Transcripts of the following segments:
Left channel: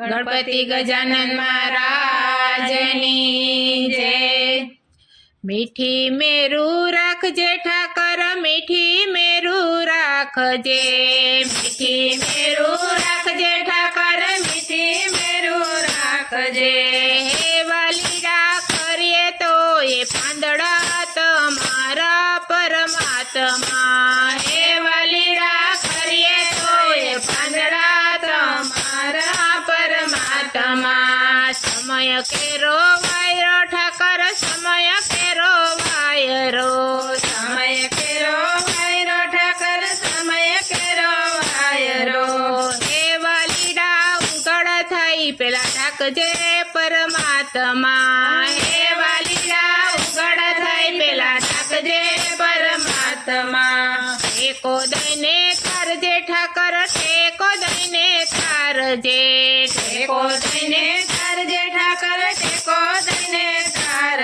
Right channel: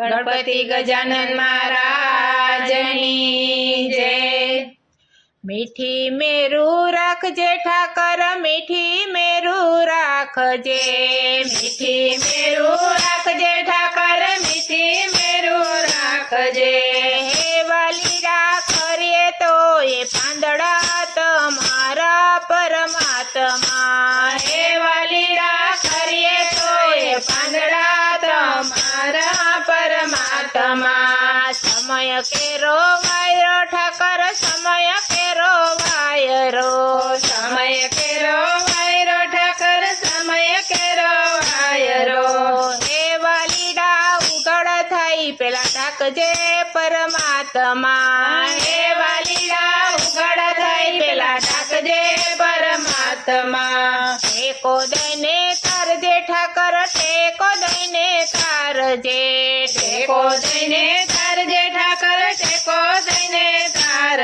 ગણપતિ ગજાનન મહારાજની જય. મીઠી મેરું રાખજે ઠાકર, મીઠી મેરું રાખજે મીઠી મેરું રાખજે ઠાકર, મીઠી મેરું રાખજે હે વાલીડા કરીએ તો એ પાંદડા તમારા પરમાત્મા. કેરો વાયરો, ઠાકર સમય કેરો વાયરો, સમય કેરો વાયરો, ઠાકર સમય કેરો વાયરો. હે વાલીડા ઉગડ થઈ, પેલા ઠાકજે પરમાત્મા. હે વાલીડા ઉગડ થઈ, પેલા ઠાકજે પરમાત્મા. ટેકો દઈને કરજે ઠાકર, ટેકો દઈને કરજે ટેકો દઈને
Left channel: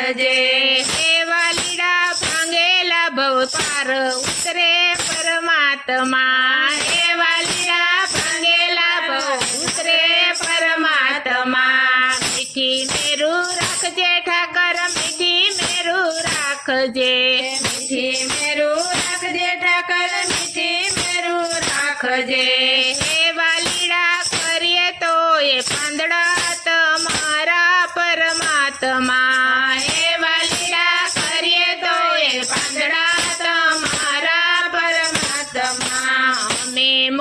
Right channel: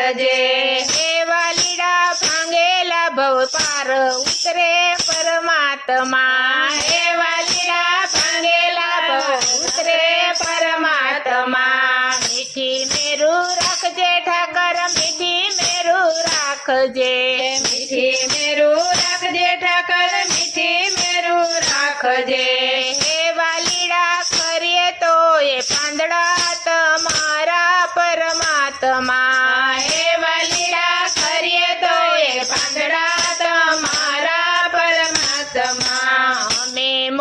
તારજે એવા લીડા ભાંગેલા ભવ પાર ઉતરે પરમાત્મા. એવા લીડા ભાંગેલા ભવ ઉતરે પરમાત્મા. મીઠી મેરું રાખજે ઠાકર, મીઠી મેરું રાખજે.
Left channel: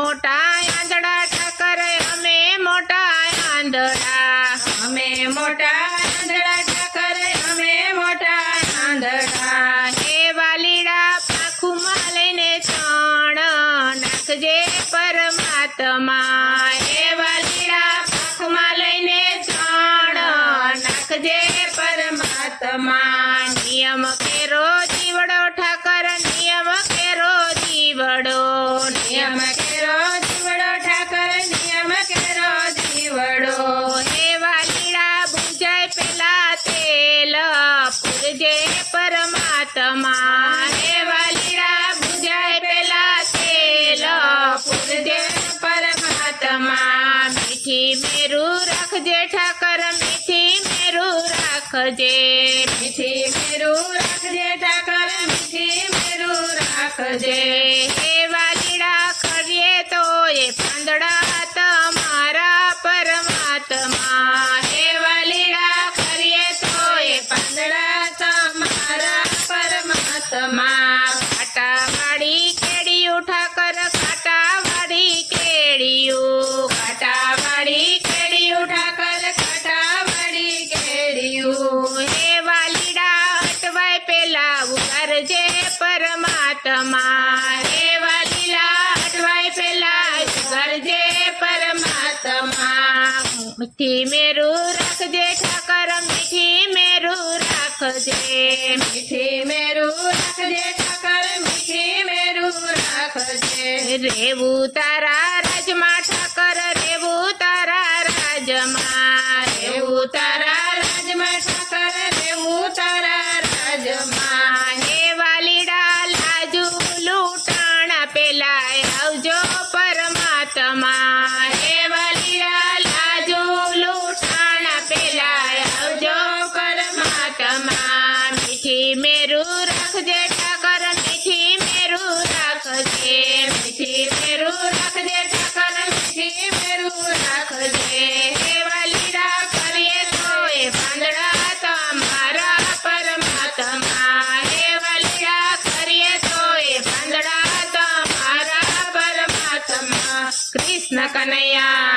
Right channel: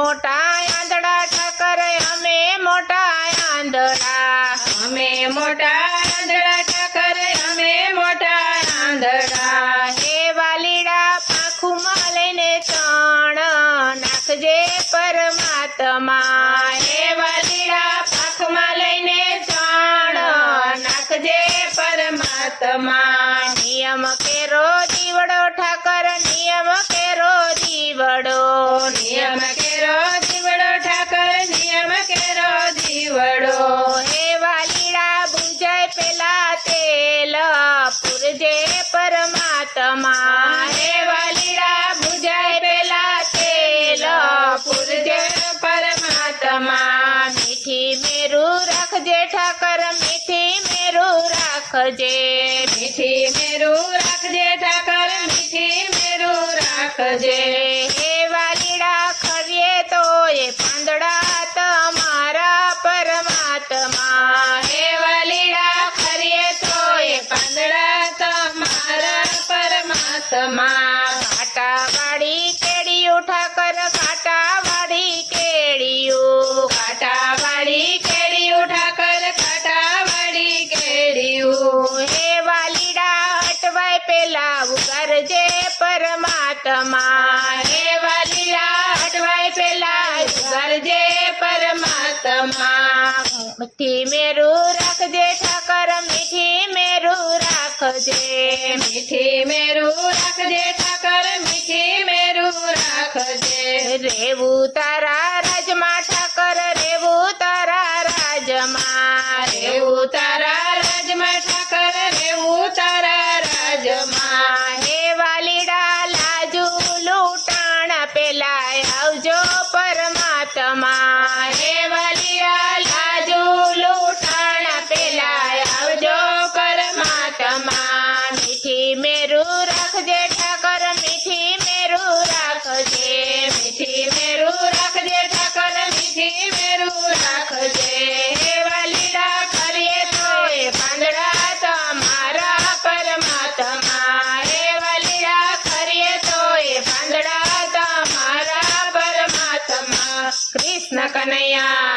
મોટા આંધળા ઠાકર અમે મોટા આંધળા. અમે મોટા આંધળા ઠાકર અમે મોટા આંધળા. હે વાલીડા પાખુમાં લઈને તણ નાખજે પરમાત્મા. હે વાલીડા પાખમાં લઈને તણ નાખજે પરમાત્મા. નિયમ રાખજે ઠાકર મીઠી મેરું રાખજે. મીઠી મેરું રાખજે ઠાકર મીઠી મેરું રાખજે. હે વાલીડા કરીએ તો એ પાંદડા તમારા પરમાત્મા. હે વાલીડા કરીએ તો એ પાંદડા તમારા પરમાત્મા. મીઠી મેરું રાખજે ઠાકર મીઠી મેરું રાખજે. મીઠી મેરું રાખજે ઠાકર મીઠી મેરું રાખજે. રેવું તારા મીઠી મેરું રાખજે ઠાકર મીઠી મેરું રાખજે મીઠી મેરું રાખજે ઠાકર મીઠી મેરું રાખજે વાલીડા, કરીએ તો એ પાંદડા તમારા પરમાત્મા. હે વાલીડા, કરીએ તો એ પાંદડા તમારા પરમાત્મા. કૃષ્ણ કનૈયા.